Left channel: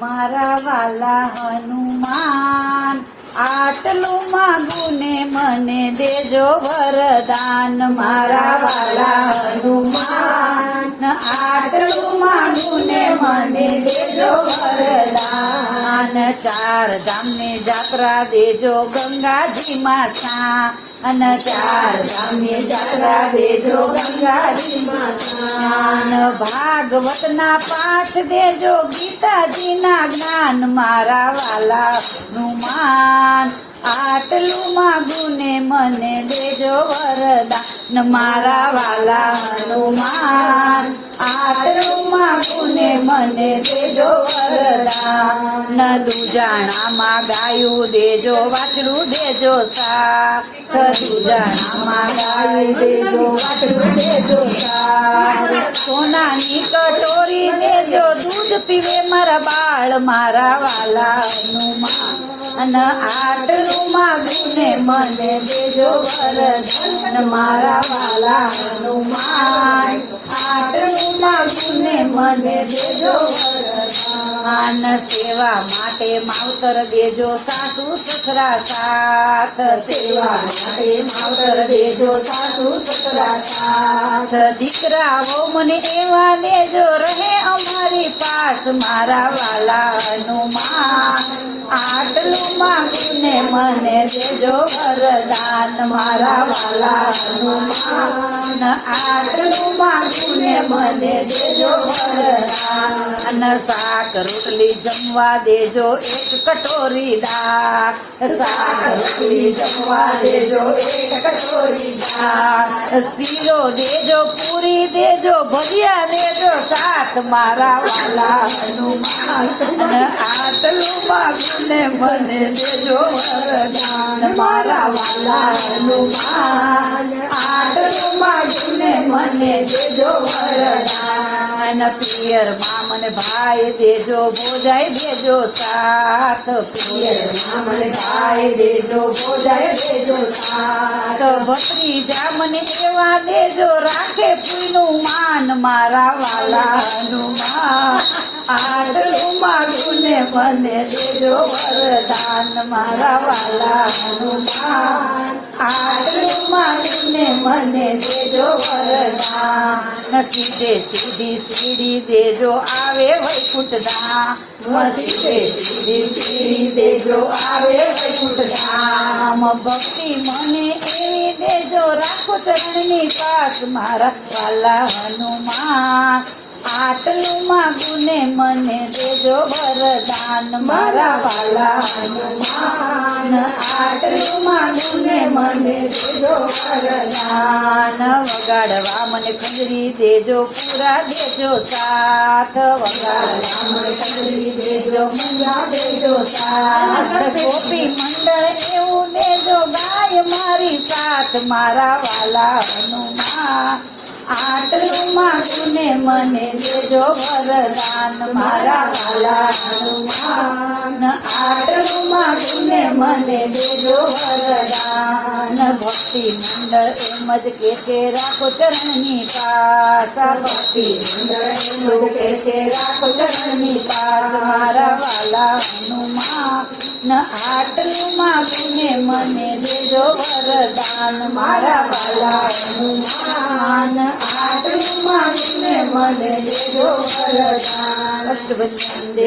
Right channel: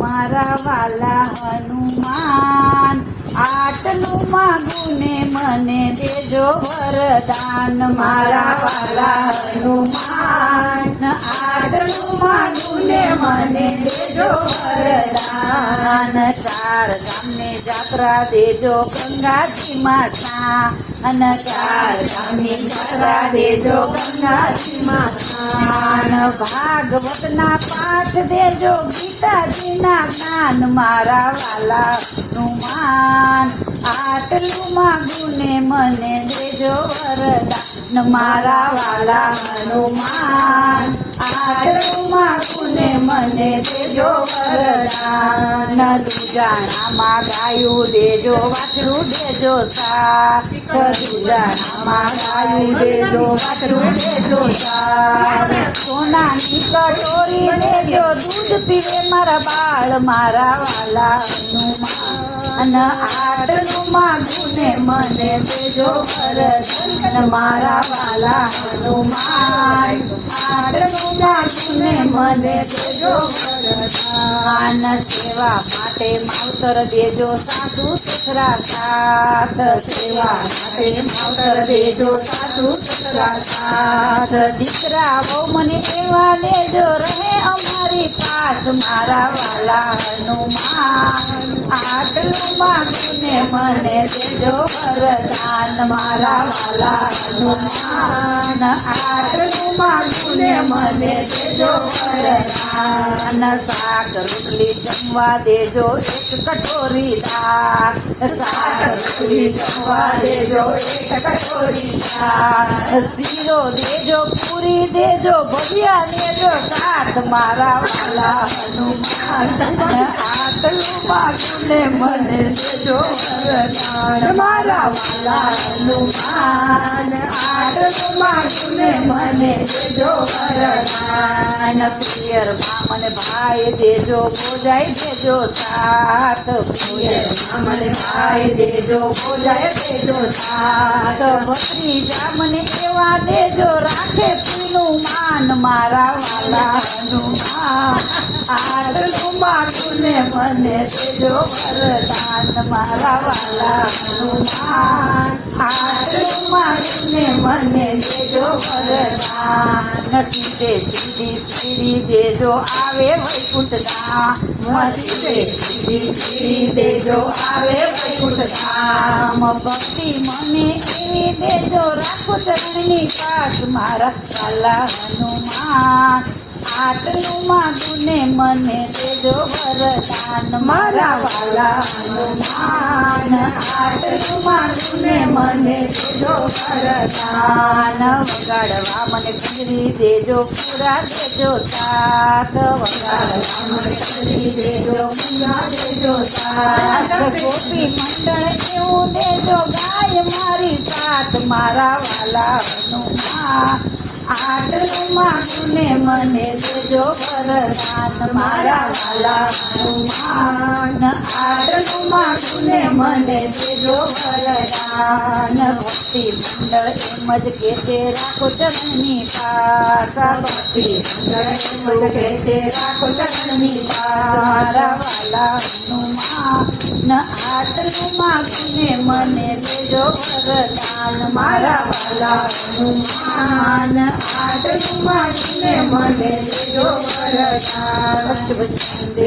મારા વાલા હનુમાન આટલું માગું ને મને દેજો વરદાન. મારા વાલા હનુમાન આટલું માગું ને મને દેજો વરદાન. 4 ગામની જાત્રા દેજો ગંગાજીમાં સ્નાન. 4 ગામની જાત્રા દેજો ગંગાજીમાં સ્નાન. ભાગવતના પાઠ દેજો ગીતાજીના જ્ઞાન. મારા વાલા હનુમાન આટલું માગું ને મને દેજો વરદાન. મારા વાલા હનુમાન આટલું માગું ને મને દેજો વરદાન. દુજાણામાં ગાયું દેજો વાછડું દેજો સાથ. દુજાણામાં ગાયું દેજો વાછડું દેજો સાથ. સોનાની કટોરી દેજો દૂધ પીવે મારા બાળ. મારા વાલા હનુમાન આટલું માગું ને મને દેજો વરદાન. મારા વાલા હનુમાન આટલું માગું ને મને દેજો વરદાન. સેવા માટે માવતર દેજો સાસુ સસરા સાથ. સેવા માટે માવતર દેજો સાસુ સસરા સાથ. દીકરાઓ મને એવા દેજો રહે અમારી પાસ. મારા વાલા હનુમાન આટલું માગું ને મને દેજો વરદાન. મારા વાલા હનુમાન આટલું માગું ને મને દેજો વરદાન. શાક રોટલી જમવા દેજો 1 કટોરી દાળ. શાક રોટલી જમવા દેજો 1 કટોરી દાળ. શીરો દેજો પૂરી દેજો ભજીયા દેજો સાથ. મારા વાલા હનુમાન આટલું માગું ને મને દેજો વરદાન. મારા વાલા હનુમાન આટલું માગું ને મને દેજો વરદાન. પિયરમાં મને ભાઈ દેજો ભોજાઈ દેજો સાથ. પિયરમાં મને ભાઈ દેજો ભોજાઈ દેજો સાથ. ભત્રીજા મને એવા દેજો રાખે પીનું માન. મારા વાલા હનુમાન આટલું માગું ને મને દેજો વરદાન. મારા વાલા હનુમાન આટલું માગું ને મને દેજો વરદાન. સીધી સીડી દેજો આવે વૈકુંઠ ધામ. સીધી દેજો આવે વૈકુંઠ ધામ. ભક્તિ મને એવી દેજો રાખો ચરણની પાસ. મારા વાલા હનુમાન આટલું માગું ને મને દેજો વરદાન. મારા વાલા હનુમાન આટલું માગું ને મને દેજો વરદાન. વગાડવા મને કંજરી દેજો પૂરા દેજો સાથ. વગાડવા મને કંજરી દેજો પૂરા દેજો સાથ. ગોપી મંડળ એવું દેજો ગાય મારી સાથ. મારા વાલા હનુમાન આટલું માગું ને મને દેજો વરદાન. મારા વાલા હનુમાન આટલું માગું ને મને દેજો વરદાન. ભક્તિ મંડળ એમ જ કે તે રાખો ચરણની પાસ. ભક્તિ મંડળ એટલું કે તે રાખો ચરણની પાસ. મારા વાલા હનુમાન આટલું માગું ને મને દેજો વરદાન. મારા વાલા હનુમાન આટલું માગું ને મને દેજો વરદાન.